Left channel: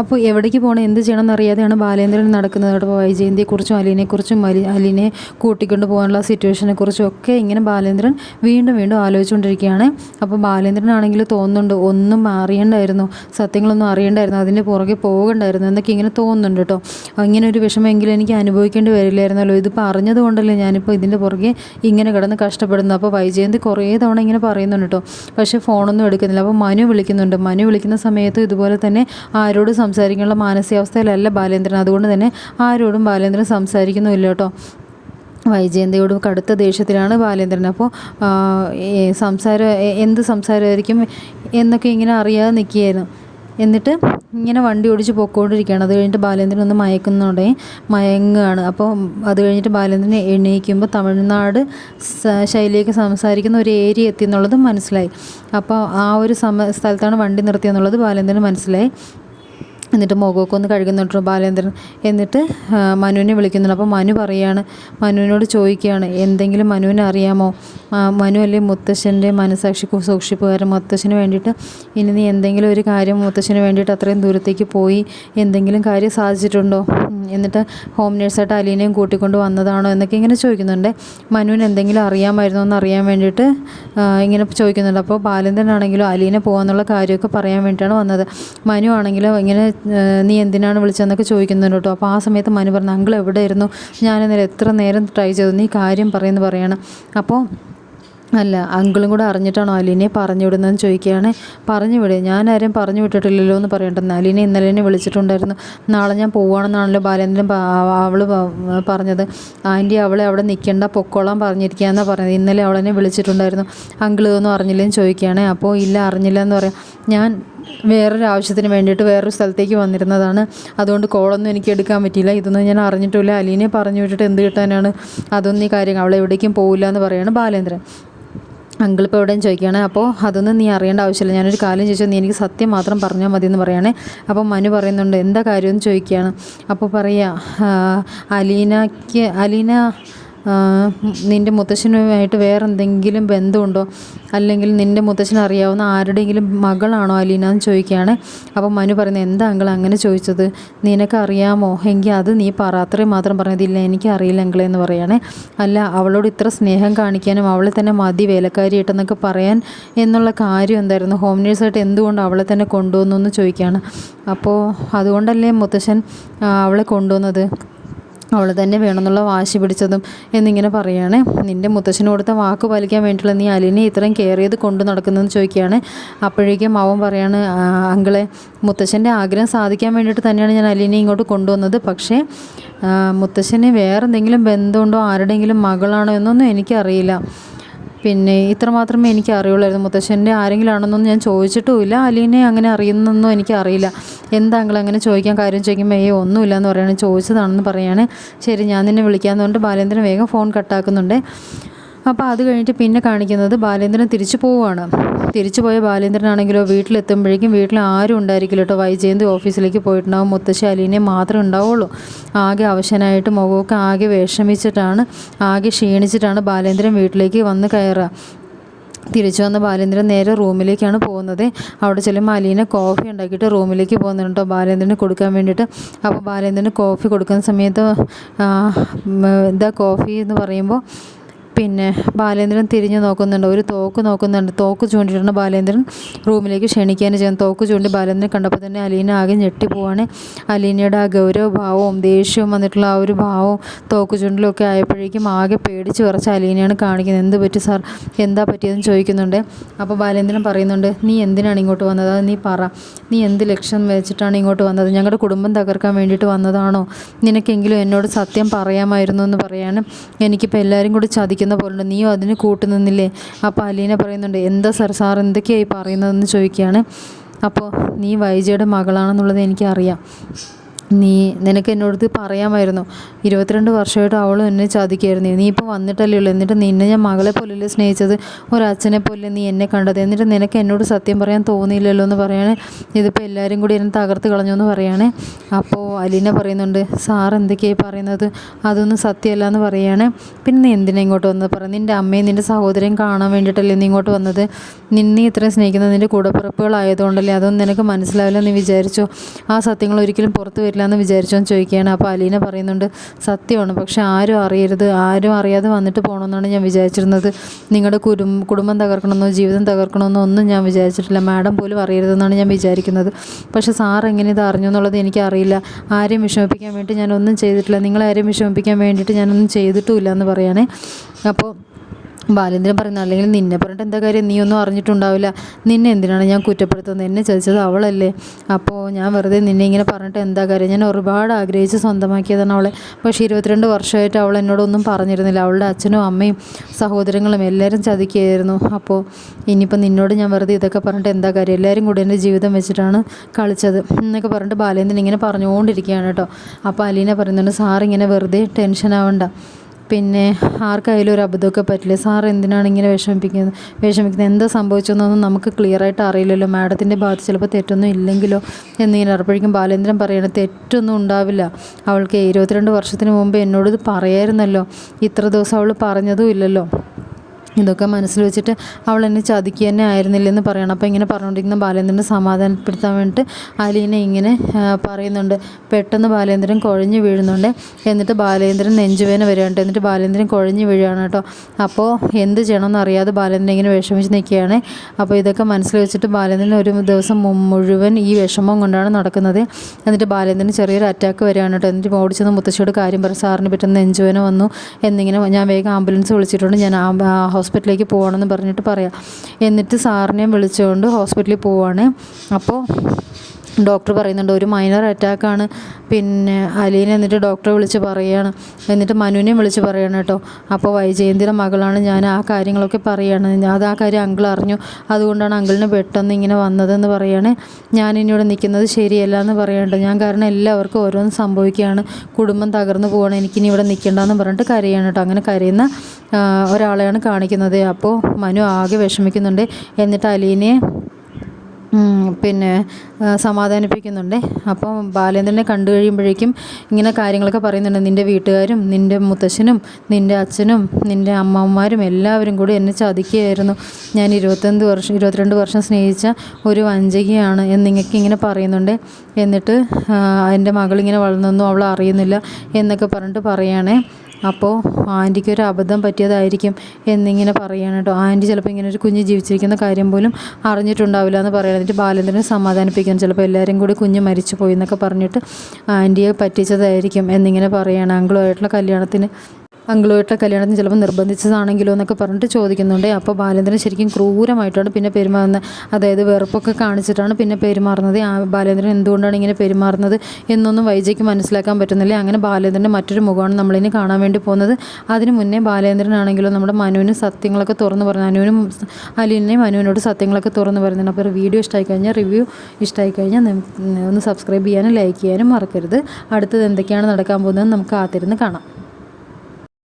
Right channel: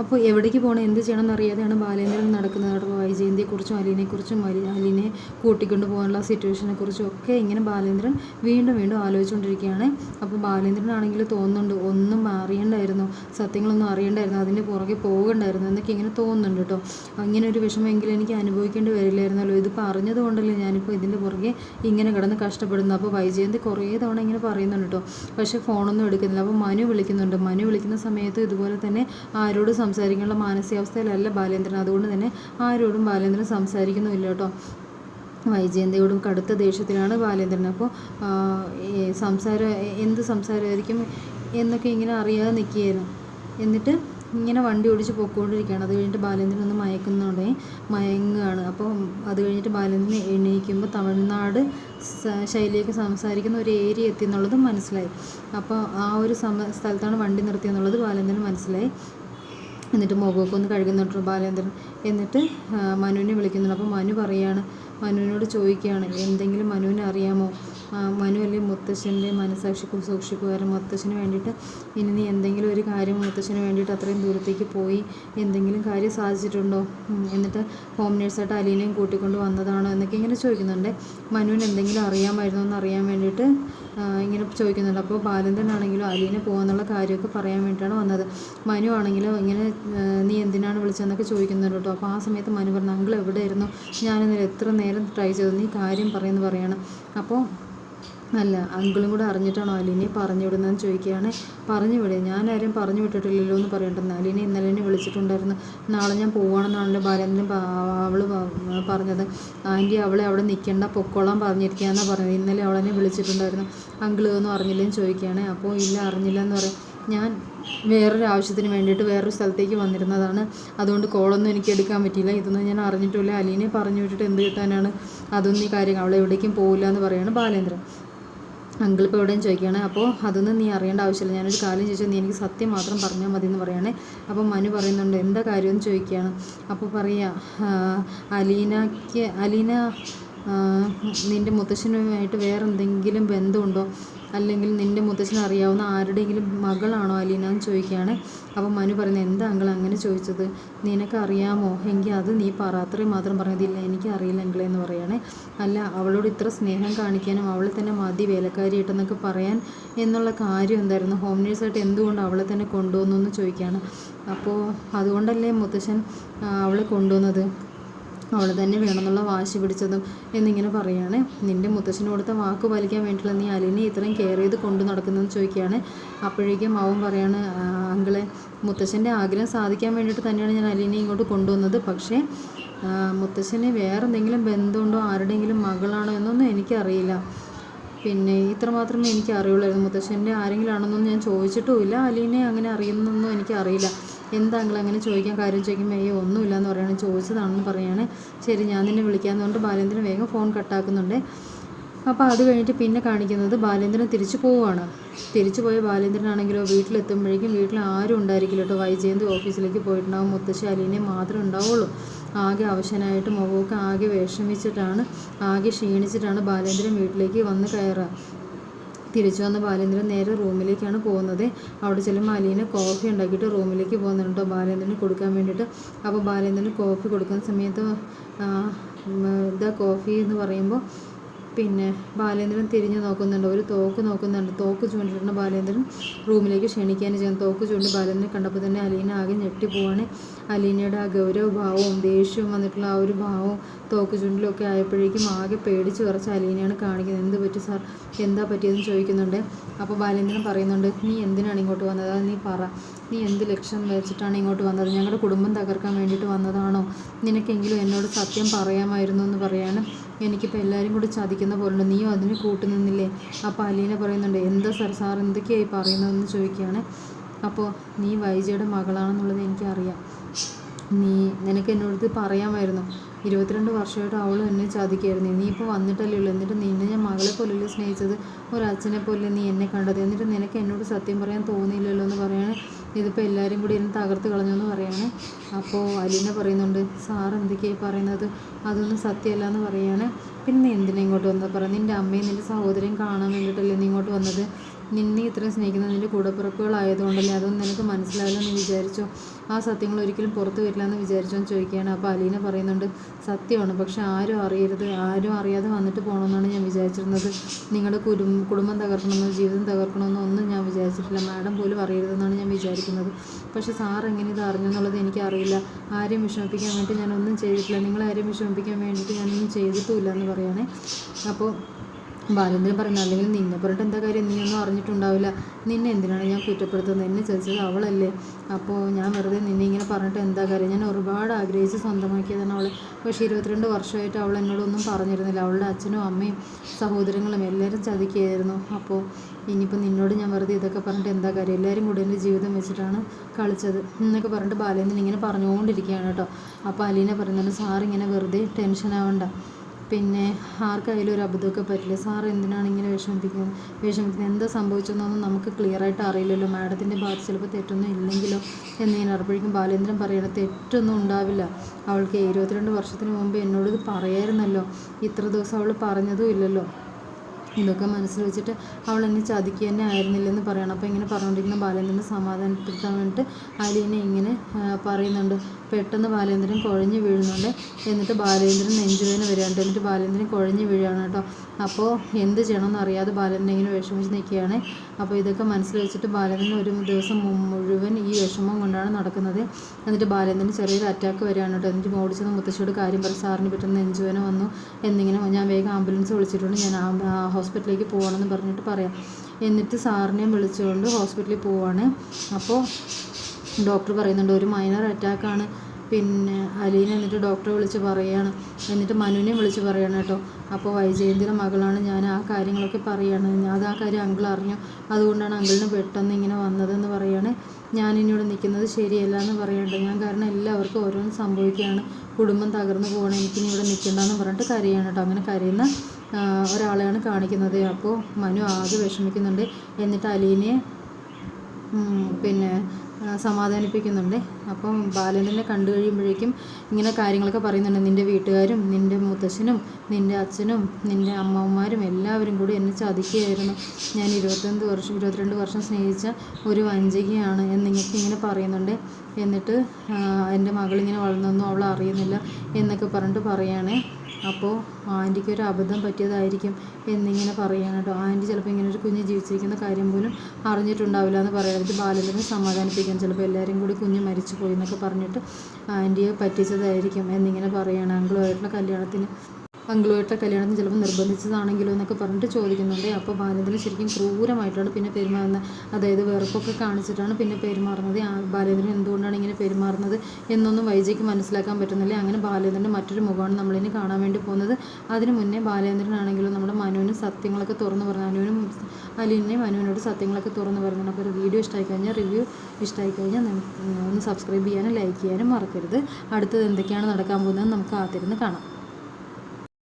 അപ്പോൾ എവിടേക്ക് പോകണം എന്ത് ചെയ്യണം എന്നറിയാതെയാണ് ബാലേന്ദ്രൻ നടക്കുന്നത്. അപ്പോൾ വൈജയന്തിയെക്കുറിച്ചും അലീനെക്കുറിച്ചും അലി അലീനെ കൂട്ടിക്കൊണ്ട് പോകാനുള്ള സിറ്റുവേഷനെക്കുറിച്ചും ഒക്കെ ഇങ്ങനെ ബാലേന്ദ്രൻ വീണ്ടും വീണ്ടും ആലോചിച്ചുകൊണ്ടിരിക്കുകയാണ്. അപ്പോൾ ബാലേന്ദ്രനാണെങ്കിൽ തോന്നുന്നുണ്ട് ഒന്നും അറിയണ്ടായിരുന്നു സത്യങ്ങളൊന്നും അറിയണ്ടായിരുന്നു അതിന്റെ പുറകെ പോകണ്ടായിരുന്നു എന്നൊക്കെ ഇങ്ങനെ തോന്നുന്നുണ്ട് കേട്ടോ. ഇങ്ങനെ ഒരു വിഷമമെങ്കിലും എനിക്ക് അനുഭവിക്കേണ്ടി വരില്ലായിരുന്നല്ലോ. ഇത് പറഞ്ഞതുകൊണ്ടല്ലേ ഞാനിപ്പോൾ ഇതിന്റെ പുറകെ ഇങ്ങനെ കിടന്ന് കഷ്ടപ്പെടുന്നു അപ്പോൾ വൈജയന്തി കുറേ തവണ ഇങ്ങനെ പറയുന്നുണ്ട് കേട്ടോ. പക്ഷേ ഫോണൊന്നും എടുക്കുന്നില്ല. അപ്പോൾ മനു വിളിക്കുന്നുണ്ട്. മനു വിളിക്കുന്ന സമയത്ത് ഇതുപോലെ തന്നെ ആരോട് സംസാരിക്കാനുള്ള മാനസികാവസ്ഥയിലല്ല ബാലേന്ദ്രൻ. അതുകൊണ്ട് തന്നെ ആരോടും ബാലേന്ദ്രൻ സംസാരിക്കുന്നുമില്ല കേട്ടോ. വൈജയന്തിയോട് കടുത്ത ദേഷ്യത്തിലാണ് ബാലേന്ദ്രൻ. അപ്പോൾ സംസാരം എന്ത് സംസാരമായിരിക്കും എന്നൊക്കെ ഇങ്ങനെ അറിയാതെ നിൽക്കുകയായിരുന്നു എന്നിട്ട് ഇങ്ങനെ വണ്ടി ഓടിച്ച് പൊക്കോണ്ടിരിക്കുകയാണ്. അത് കഴിഞ്ഞിട്ട് ബാലേന്ദ്രൻ ഒന്ന് മയക്കുന്നുണ്ടേ മയങ്ങുകയാണ്. അപ്പോൾ അത് കഴിഞ്ഞിട്ട് ബാലേന്ദ്രൻ എണീക്കുമ്പോൾ തമിഴ്നാട് ശൈലിയൊക്കെ സംസാരിക്കുന്ന ഒരു ഏരിയ എത്തി എന്നുള്ളത് മനസ്സിലായി. അപ്പോൾ ആ ഒരു സമ സ്ഥലത്താണ് വണ്ടി നിർത്തിയെന്നുള്ളത് ബാലേന്ദ്രന് മനസ്സിലായി. എന്നിട്ട് മുഖമൊക്കെ ഒന്ന് കഴുകുന്നുണ്ട് ബാലേന്ദ്രൻ. എന്നിട്ട് മനുവിനെ വിളിക്കുന്നുണ്ട്. അപ്പോൾ മനു പറയുകയാണ് മനുവിനോട് ചോദിക്കുകയാണ് എന്തെങ്കിലും മനുവിനെ അറിയാമോ? മനു അല്ലേ മുത്തശ്ശന്റെ മനസാക്ഷി സൂക്ഷിപ്പുകാരൻ മുത്തശ്ശന് വേണ്ടിയിട്ട്? ഇനി നീ എന്തെങ്കിലും ഒരു കാര്യം മുത്തശ്ശന് വേണ്ടിയിട്ട് അത്രയും ദൂരത്തേക്ക് പോയി എന്തെങ്കിലും കാര്യം സാധിച്ചിട്ടുണ്ടോ? എന്നിട്ട് ഹോം നേഴ്സായിട്ട് അലീനയും കൂട്ടിക്കൊണ്ട് വന്നതാണോ എന്നൊക്കെ ഇങ്ങനെ ചോദിക്കുന്നുണ്ട്. മനുവിന് എന്തെങ്കിലും അറിയാമായിരുന്നോ എന്ന് അറിയാൻ വേണ്ടിയിട്ട് ഇങ്ങനെ ചോദിക്കുന്നുണ്ട്. അപ്പോൾ ബാലന്തനാണെങ്കിലും അലീന പോകാന്നുള്ള കാര്യമൊക്കെ പറയാൻ വേണ്ടിയിട്ടാണ് വന്നത്. മനു ആണെങ്കിലും ഇങ്ങനെ നീ എന്തിനാണ് വിളിച്ചതെന്നൊക്കെ ചോദിക്കുന്നുണ്ട് കേട്ടോ. അപ്പോൾ ആ സമയത്ത് മനു പറഞ്ഞു അങ്കിൾ എവിടെയായിരുന്നു? ഞാനിന്നലെ എത്ര നേരം ട്രൈ ചെയ്തു. നീ കാര്യം പറയുന്നു പറയണം. അപ്പോൾ അല്ല അങ്കിളും കൂടെ അറിഞ്ഞിട്ടാണോ അലീനെ പറഞ്ഞു വിടുന്നതെന്ന് ചോദിക്കുകയാണ്. പറഞ്ഞു വിട് ഞാൻ പറഞ്ഞു വിട്ടിട്ടില്ലല്ലോ എന്ന് പറയണ്ടെന്ന് അലീനെ ഇന്നലെ എന്നെ വിളിച്ചിട്ടുണ്ടായിരുന്നു. നാളെ ഞാൻ പോവുകയാണെന്നാണല്ലോ ബാലേന്ദ്രൻ അവൾ പറഞ്ഞത്. ആന്റി അവളെ അവിടെ നിൽക്കേണ്ട പൊക്കോളാൻ പറഞ്ഞിരിക്കുകയെന്നാണ് പറഞ്ഞത്. ഇന്നലെ അവളെന്നെ വിളിച്ചിട്ടുണ്ടായിരുന്നു. അങ്കിൾ ഇതൊന്നും അറിഞ്ഞില്ലെന്ന് ചോദിക്കുകയാണ്. അപ്പോൾ ഇല്ല അറിഞ്ഞില്ല എന്ന് പറയാം. ഞാൻ വേറൊരു ആവശ്യത്തിന് വേണ്ടിയിട്ട് വേറൊരു സ്ഥലത്തേക്ക് വന്നിരുന്നതാണ്. അതുകൊണ്ട് കോളൊന്നും എനിക്ക് എടുക്കാൻ പറ്റിയില്ല. ഇതൊന്നും ഞാൻ അറിഞ്ഞിട്ടില്ല അലീനെ പറഞ്ഞു വിട്ടിട്ട് എന്ത് കിട്ടാനാണ്? അതൊന്നും ഈ കാര്യം അവളെ എവിടേക്കും പോവില്ല എന്ന് പറയുകയാണ് ബാലേന്ദ്രൻ. അങ്കിൾ ഇപ്പോൾ എവിടെയും ചോദിക്കുകയാണ് അപ്പോൾ അതൊന്നും നീ അറിയേണ്ട ആവശ്യമില്ല. ഞാനൊരു കാര്യം ചോദിച്ചാൽ നീ എനിക്ക് സത്യം മാത്രം പറഞ്ഞാൽ മതി എന്ന് പറയുകയാണേ അപ്പോൾ മനു പറയുന്നുണ്ട് എന്താ കാര്യമെന്ന് ചോദിക്കുകയാണ്. അപ്പോൾ പറയുക അലീനയ്ക്ക് അലീന നിന്റെ മുത്തശ്ശനുമായിട്ട് വേറെ എന്തെങ്കിലും ബന്ധമുണ്ടോ? അല്ലെങ്കിൽ നിന്റെ മുത്തശ്ശൻ അറിയാവുന്ന ആരുടെയെങ്കിലും മകളാണോ അലീന എന്ന് ചോദിക്കുകയാണ്. അപ്പോൾ മനു പറയുന്നത് എന്താ അങ്കിൾ അങ്ങനെ ചോദിച്ചത്? നിനക്ക് അറിയാമോ എങ്കിൽ അത് നീ പറ. അത്രയും മാത്രം പറഞ്ഞതില്ല. എനിക്ക് അറിയില്ല അങ്കിളെ എന്ന് പറയുകയാണ് അല്ല അവളോട് ഇത്ര സ്നേഹം കാണിക്കാനും അവളെ തന്നെ മതി വേലക്കാരിയായിട്ടെന്നൊക്കെ പറയാൻ എന്നുള്ള കാര്യം എന്തായിരുന്നു? ഹോം നേഴ്സായിട്ട് എന്തുകൊണ്ട് അവളെ തന്നെ കൊണ്ടുവന്നു എന്ന് ചോദിക്കുകയാണ്. അപ്പോൾ അതുകൊണ്ടല്ലേ മുത്തശ്ശൻ അവളെ കൊണ്ടുവന്നത്? അവൾ തന്നെ വേണമെന്നുള്ള വാശി പിടിച്ചതും എന്നിങ്ങനെ പറയുകയാണ് നിന്റെ മുത്തശ്ശന് കൊടുത്ത വാക്ക് പാലിക്കാൻ വേണ്ടിയിട്ടുള്ള നീ അലിനെ ഇത്രയും കെയർ ചെയ്ത് കൊണ്ട് നടക്കുന്നതെന്ന് ചോദിക്കുകയാണ്. അപ്പോഴേക്കും അവൻ പറയാണ് അങ്കിളെ മുത്തശ്ശന്റെ ആഗ്രഹം സാധിക്കാൻ വേണ്ടിയിട്ട് തന്നെയാണ് ഞാൻ അലിനെ ഇങ്ങോട്ട് കൊണ്ടുവന്നത്. പക്ഷേ മുത്തശ്ശന് വേറെ എന്തെങ്കിലും ബന്ധമുണ്ടോ? ആരുടെയെങ്കിലും മകളാണോ എന്നൊന്നും എനിക്കറിയില്ല. പിന്നെ ഇത്ര മാത്രമേ എനിക്ക് അറിയുള്ളായിരുന്നു മുത്തശ്ശന്റെ ആരെങ്കിലും ആണെന്നൊന്നും ഞാൻ ചോദിച്ചിട്ടുമില്ല. അലീനെ അങ്ങനെ അറിയുന്നൊന്നും എനിക്കറിയില്ല. എന്താ അങ്കിൾ അങ്ങനെ ചോദിക്കാൻ കാര്യം? ചോദിക്കുമ്പോൾ ഏ ഒന്നുമില്ല എന്ന് പറയുകയാണ് ചോദിച്ചതാണെന്ന് പറയുകയാണ് ശരി ഞാൻ നിന്നെ വിളിക്കാമെന്ന് പറഞ്ഞിട്ട് ബാലേന്ദ്രൻ വേഗം ഫോൺ കട്ടാക്കുന്നുണ്ട്. അപ്പോൾ അത് കഴിഞ്ഞിട്ട് പിന്നെ കാണിക്കുന്നത് ബാലേന്ദ്രൻ തിരിച്ചു പോവുകയാണ് തിരിച്ചു പോയ ബാലേന്ദ്രനാണെങ്കിലോ വീട്ടിലെത്തുമ്പോഴേക്കും വീട്ടിൽ ആരും ഉണ്ടായിരിക്കില്ല കേട്ടോ. വൈജയന്തി ഓഫീസിലേക്ക് പോയിട്ടുണ്ടാവും. മുത്തശ്ശി അലീനെ മാത്രമേ ഉണ്ടാവുള്ളൂ. ആകെ അവശനായിട്ട് മുഖമൊക്കെ ആകെ വിഷമിച്ചിട്ടാണ് ആകെ ക്ഷീണിച്ചിട്ടാണ് ബാലേന്ദ്രൻ വീട്ടിലേക്ക് വന്ന് കയറുക. തിരിച്ചു വന്ന ബാലേന്ദ്രൻ നേരെ റൂമിലേക്കാണ് പോകുന്നത്. അവിടെ ചെല്ലുമ്പോൾ അലീന കോഫി ഉണ്ടാക്കിയിട്ട് റൂമിലേക്ക് പോകുന്നുണ്ട് ബാലേന്ദ്രന് കൊടുക്കാൻ വേണ്ടിയിട്ട്. അപ്പോൾ ബാലേന്ദ്രന് കോഫി കൊടുക്കുന്ന സമയത്ത് എന്താ കോഫി എന്ന് പറയുമ്പോൾ പിന്നെ ബാലേന്ദ്രൻ തിരിഞ്ഞ് നോക്കുന്നുണ്ട്. ഒരു തോക്ക് നോക്കുന്നുണ്ട്. തോക്ക് ചൂണ്ടിയിട്ടാണ് ബാലേന്ദ്രൻ റൂമിലേക്ക് ക്ഷണിക്കാൻ ചെയ്യുന്നത് തോക്ക് ചൂണ്ടി ബാലേന്ദ്രൻ കണ്ടപ്പോൾ തന്നെ അലീന ആകെ ഞെട്ടിപ്പോവാണ്. അലീനയുടെ ആ ഗൗരവഭാവവും ദേഷ്യവും വന്നിട്ടുള്ള ആ ഒരു ഭാവവും തോക്ക് ചൂണ്ടിലൊക്കെ ആയപ്പോഴേക്കും ആകെ പേടിച്ച് കുറച്ച് അലീനയാണ് കാണിക്കുന്നത്. എന്ത് പറ്റി സാർ? എന്താ പറ്റിയതെന്ന് ചോദിക്കുന്നുണ്ട്. അപ്പോൾ ബാലേന്ദ്രൻ പറയുന്നുണ്ട് നീ എന്തിനാണ് ഇങ്ങോട്ട് വന്നത്? അത് നീ പറ. നീ എന്ത് ലക്ഷ്യം വെച്ചിട്ടാണ് ഇങ്ങോട്ട് വന്നത്? ഞങ്ങളുടെ കുടുംബം തകർക്കാൻ വേണ്ടിയിട്ട് വന്നതാണോ? നിനക്കെങ്കിലും എന്നോട് സത്യം പറയാമായിരുന്നു എന്ന് പറയാനും എനിക്കിപ്പോൾ എല്ലാവരും കൂടി ചതിക്കുന്ന. പറയുന്ന പോലുണ്ട്. നീയോ അതിന് കൂട്ടുനിന്നില്ലേ അപ്പോൾ അലീന പറയുന്നുണ്ട് എന്താ സാർ? സാർ എന്തൊക്കെയായി പറയുന്നതെന്ന് ചോദിക്കുകയാണ്. അപ്പോൾ നീ വൈജയുടെ മകളാണെന്നുള്ളത് എനിക്കറിയാം. നീ നിനക്ക് എന്നോടത് പറയാമായിരുന്നു. ഇരുപത്തിരണ്ട് വർഷമായിട്ട് അവളും എന്നെ ചതിക്കായിരുന്നു. നീ ഇപ്പോൾ വന്നിട്ടല്ലേ ഉള്ളൂ. എന്നിട്ട് നിന്നെ ഞാൻ മകളെ പോലല്ലേ സ്നേഹിച്ചത്? ഒരച്ഛനെ പോലെ നീ എന്നെ കണ്ടത്? എന്നിട്ട് നിനക്ക് എന്നോട് സത്യം പറയാൻ തോന്നിയില്ലല്ലോ എന്ന് പറയണേ. ഇതിപ്പോൾ എല്ലാവരും കൂടി എന്നെ തകർത്ത് കളഞ്ഞു എന്ന് പറയണേ. അപ്പോൾ അലീന പറയുന്നുണ്ട് സാർ എന്തൊക്കെയായി പറയുന്നത്? അതൊന്നും സത്യമല്ല എന്ന് പറയുകയാണ് പിന്നെ നീ എന്തിനാ ഇങ്ങോട്ട് വന്നത്? പറ നിന്റെ അമ്മയും നിന്റെ സഹോദരൻ കാണാൻ വേണ്ടിയിട്ടല്ലേ നീ ഇങ്ങോട്ട് വന്നത്? നിന്നെ ഇത്രയും സ്നേഹിക്കുന്നത് നിന്റെ കൂടപ്പിറപ്പുകളായതുകൊണ്ടല്ലേ? അതൊന്നും നിനക്ക് മനസ്സിലാവില്ല എന്ന് വിചാരിച്ചോ? ആ സത്യങ്ങൾ ഒരിക്കലും പുറത്തു വരില്ല എന്ന് വിചാരിച്ചോന്ന് ചോദിക്കുകയാണ്. അപ്പോൾ അലീന പറയുന്നുണ്ട് സത്യമാണ്. പക്ഷെ ആരും അറിയരുത്. ആരും അറിയാതെ വന്നിട്ട് പോകണമെന്നാണ് ഞാൻ വിചാരിച്ചിരുന്നത്. നിങ്ങളുടെ കുടും കുടുംബം തകർക്കണമെന്നോ ജീവിതം തകർക്കണമെന്നോ ഒന്നും ഞാൻ വിചാരിച്ചിട്ടില്ല. മാഡം പോലും അറിയരുതെന്നാണ് ഞാൻ വിചാരിക്കുന്നത്. പക്ഷേ സാർ എങ്ങനെ ഇത് അറിഞ്ഞു എന്നുള്ളത് എനിക്കറിയില്ല ആരെയും വിഷമിപ്പിക്കാൻ വേണ്ടി ഞാനൊന്നും ചെയ്തിട്ടില്ല. നിങ്ങളാരെയും വിഷമിപ്പിക്കാൻ വേണ്ടിയിട്ട് ഞാനൊന്നും ചെയ്തിട്ടുമില്ല എന്ന് പറയുകയാണേ അപ്പോൾ ബാലേന്ദ്രൻ പറയുന്നത് അല്ലെങ്കിൽ നിന്നെ പറഞ്ഞിട്ട് എന്താ കാര്യം? നീ ഒന്നും അറിഞ്ഞിട്ടുണ്ടാവില്ല. നിന്നെ എന്തിനാണ് ഞാൻ കുറ്റപ്പെടുത്തുന്നത്? എന്നെ ചതിച്ചത് അവളല്ലേ? അപ്പോൾ ഞാൻ വെറുതെ നിന്നെ ഇങ്ങനെ പറഞ്ഞിട്ട് എന്താ കാര്യം? ഞാൻ ഒരുപാട് ആഗ്രഹിച്ച് സ്വന്തമാക്കിയതാണ് അവളെ. പക്ഷേ ഇരുപത്തിരണ്ട് വർഷമായിട്ട് അവൾ എന്നോടൊന്നും പറഞ്ഞിരുന്നില്ല. അവളുടെ അച്ഛനും അമ്മയും സഹോദരങ്ങളും എല്ലാവരും ചതിക്കുകയായിരുന്നു. അപ്പോൾ ഇനിയിപ്പോൾ നിന്നോട് ഞാൻ വെറുതെ ഇതൊക്കെ പറഞ്ഞിട്ട് എന്താ കാര്യം? എല്ലാവരും കൂടി എന്റെ ജീവിതം വെച്ചിട്ടാണ് കളിച്ചത്. എന്നൊക്കെ പറഞ്ഞിട്ട് ബാലേന്ദ്രൻ ഇങ്ങനെ പറഞ്ഞുകൊണ്ടിരിക്കുകയാണ് കേട്ടോ. അപ്പോൾ അലീന പറയുന്നുണ്ട് സാറിങ്ങനെ വെറുതെ ടെൻഷൻ ആവണ്ട പിന്നെ ആർക്കായാലും ഒരു അബദ്ധമൊക്കെ പറ്റില്ല? സാർ എന്തിനാണ് ഇങ്ങനെ വിഷമിപ്പിക്കുന്നത് വിഷമിക്കുന്നത്? എന്താ സംഭവിച്ചതെന്നൊന്നും നമുക്ക് ക്ലിയർ ആയിട്ട് അറിയില്ലല്ലോ. മാഡത്തിന്റെ ഭാഗത്ത് ചിലപ്പോൾ തെറ്റൊന്നും ഇല്ലെങ്കിലോ എന്നിങ്ങനെ അപ്പോഴേക്കും ബാലേന്ദ്രൻ പറയണത് തെറ്റൊന്നും ഉണ്ടാവില്ല. അവൾക്ക് ഇരുപത്തിരണ്ട് വർഷത്തിന് മുമ്പ് എന്നോട് ഇത് പറയായിരുന്നല്ലോ. ഇത്ര ദിവസം അവൾ പറഞ്ഞതും ഇല്ലല്ലോ. ഇതൊക്കെ മനസ്സിൽ വെച്ചിട്ട് അവൾ എന്നെ ചതിക്കുക തന്നെ ആയിരുന്നില്ലെന്ന് പറയണം. അപ്പോൾ ഇങ്ങനെ പറഞ്ഞുകൊണ്ടിരിക്കുന്ന ബാലേന്ദ്രനെ സമാധാനപ്പെടുത്താൻ വേണ്ടിയിട്ട് അലീന ഇങ്ങനെ പറയുന്നുണ്ട്. പെട്ടെന്ന് ബാലേന്ദ്രൻ കുഴഞ്ഞു വീഴുന്നുണ്ട്. എന്നിട്ട് ബാലേന്ദ്രൻ നെഞ്ചുവേന വരികയാണ് എന്നിട്ട് ബാലേന്ദ്രൻ കുഴഞ്ഞു വീഴുകയാണ് കേട്ടോ. അപ്പോൾ എന്ത് ചെയ്യണമെന്ന് അറിയാതെ ബാലേന്ദ്രൻ ഇങ്ങനെ വിഷമിച്ച് നിൽക്കുകയാണ്. അപ്പോൾ ഇതൊക്കെ മനസ്സിൽ വെച്ചിട്ട് ബാലേന്ദ്രൻ ഒരു ദിവസം മുഴുവൻ ഈ വിഷമം കൊണ്ടാണ് നടക്കുന്നത്. എന്നിട്ട് ബാലേന്ദ്രൻ ചെറിയൊരു അറ്റാക്ക് വരികയാണ് കേട്ടോ. എന്നിട്ട് ഓടിച്ചെന്ന് മുത്തശ്ശിയോട് കാര്യം പറഞ്ഞു. സാറിന് പെട്ടെന്ന് നെഞ്ചുവേന വന്നു എന്നിങ്ങനെ ഞാൻ വേഗം ആംബുലൻസ് വിളിച്ചിട്ടുണ്ട്. ഞാൻ ഹോസ്പിറ്റലിലേക്ക് പോകണമെന്ന് പറഞ്ഞിട്ട് പറയാം. എന്നിട്ട് സാറിനെയും വിളിച്ചുകൊണ്ട് ഹോസ്പിറ്റലിൽ പോവാണ്. അപ്പോൾ ഡോക്ടർ പറയുന്നുണ്ട് ഒരു മൈനർ അറ്റാക്കാണ് പിന്നെ അലീനെ എന്നിട്ട് ഡോക്ടറെ വിളിച്ച് പറയുകയാണ് എന്നിട്ട് മനുവിനെയും വിളിച്ച് പറയണം കേട്ടോ. അപ്പോൾ വൈജയന്തിയുടെ മകളാണ് ഞാൻ ആ കാര്യങ്ങളൊക്കെ പറയുകയാണ് അത് ആ കാര്യം അങ്കിൾ അറിഞ്ഞു. അതുകൊണ്ടാണ് അങ്കിളിന് പെട്ടെന്ന് ഇങ്ങനെ വന്നതെന്ന് പറയുകയാണ് ഞാൻ ഇനിയോടെ നിൽക്കുന്നത് ശരിയല്ല എന്ന് പറയണ്ട ഞാൻ കാരണം എല്ലാവർക്കും ഓരോന്ന് സംഭവിക്കുകയാണ്. കുടുംബം തകർന്നു പോകണം എനിക്കിനി ഇവിടെ നിൽക്കേണ്ടെന്ന് പറഞ്ഞിട്ട് കരയാണ് കേട്ടോ. അങ്ങനെ കരയുന്ന ഒരാളെയാണ് കാണിക്കുന്നത്. അപ്പോൾ മനു ആകെ വിഷമിക്കുന്നുണ്ട്. എന്നിട്ട് അലീനയെ പിന്നെ സമാധാനിപ്പിക്കുന്നുണ്ട്. അപ്പോൾ ബാലേന്ദ്രനെ കണ്ടു കഴിയുമ്പോഴേക്കും ഇങ്ങനെ കാര്യങ്ങളൊക്കെ പറയുന്നുണ്ട്. നിന്റെ വീട്ടുകാരും നിന്റെ മുത്തശ്ശനും നിന്റെ അച്ഛനും നിന്റെ അമ്മമാരും എല്ലാവരും കൂടി എന്നെ ചതിക്കുകയായിരുന്നു. ഞാൻ ഇരുപത്തൊന്ന് വർഷം ഇരുപത്തിരണ്ട് വർഷം സ്നേഹിച്ച ഒരു വഞ്ചകിയാണ് എന്നിങ്ങക്ക് ഇങ്ങനെ പറയുന്നുണ്ട്. എന്നിട്ട് എന്റെ മകളിങ്ങനെ വളർന്നൊന്നും അവൾ അറിയുന്നില്ല എന്നൊക്കെ പറഞ്ഞിട്ട് പറയുകയാണേ അപ്പോൾ ആന്റിക്ക് ഒരു അബദ്ധം പറ്റിയതായിരിക്കും എന്നിങ്ങനെ പറയുകയാണ് കേട്ടോ. ആന്റി ചിലപ്പോൾ ഇങ്ങനെ ഒരു കുഞ്ഞ് ജീവിച്ചിരിക്കുന്ന കാര്യം പോലും അറിഞ്ഞിട്ടുണ്ടാവില്ല എന്ന് പറയുന്നത് എന്നിട്ട് ബാലചന്ദ്രനെ സമാധാനിപ്പിക്കാൻ ചിലപ്പോൾ എല്ലാവരും കൂടി കുഞ്ഞ് മരിച്ചു പോയി എന്നൊക്കെ പറഞ്ഞിട്ട് ആന്റിയെ പറ്റിച്ചതായിരിക്കും എന്നിങ്ങനെ പറയുകയാണ് അങ്കിളുമായിട്ടുള്ള കല്യാണത്തിന് അങ്കിളുമായിട്ട് കല്യാണത്തിന് ചിലപ്പോൾ നിർബന്ധിച്ചതാണെങ്കിലോ എന്നൊക്കെ പറഞ്ഞിട്ട് ചോദിക്കുന്നുണ്ട്. അപ്പോൾ ബാലേന്ദ്രൻ ശരിക്കും ക്രൂരമായിട്ടാണ് പിന്നെ പെരുമാറുന്നത്. അതായത് വെറുപ്പൊക്കെ കാണിച്ചിട്ടാണ് പിന്നെ പെരുമാറുന്നത്. ആ ബാലേന്ദ്രൻ എന്തുകൊണ്ടാണ് ഇങ്ങനെ പെരുമാറുന്നത് എന്നൊന്നും വൈജയ്ക്ക് മനസ്സിലാക്കാൻ പറ്റുന്നില്ല. അങ്ങനെ ബാലേന്ദ്രന്റെ മറ്റൊരു മുഖമാണ് നമ്മളിനി കാണാൻ വേണ്ടി പോകുന്നത്. അതിന് മുന്നേ ബാലേന്ദ്രനാണെങ്കിലും നമ്മുടെ മനുവിന് സത്യങ്ങളൊക്കെ തുറന്നു പറഞ്ഞു അനുവിനും അലീനെയും മനുവിനോട് സത്യങ്ങളൊക്കെ തുറന്നു പറയുന്നുണ്ട്. അപ്പോൾ വീഡിയോ ഇഷ്ടമായി കഴിഞ്ഞാൽ റിവ്യൂ ഇഷ്ടമായി കഴിഞ്ഞാൽ ഒന്ന് സബ്സ്ക്രൈബ് ചെയ്യാനും ലൈക്ക് ചെയ്യാനും മറക്കരുത്. അടുത്തത് എന്തൊക്കെയാണ് നടക്കാൻ പോകുന്നത് നമുക്ക് കാത്തിരുന്ന് കാണാം.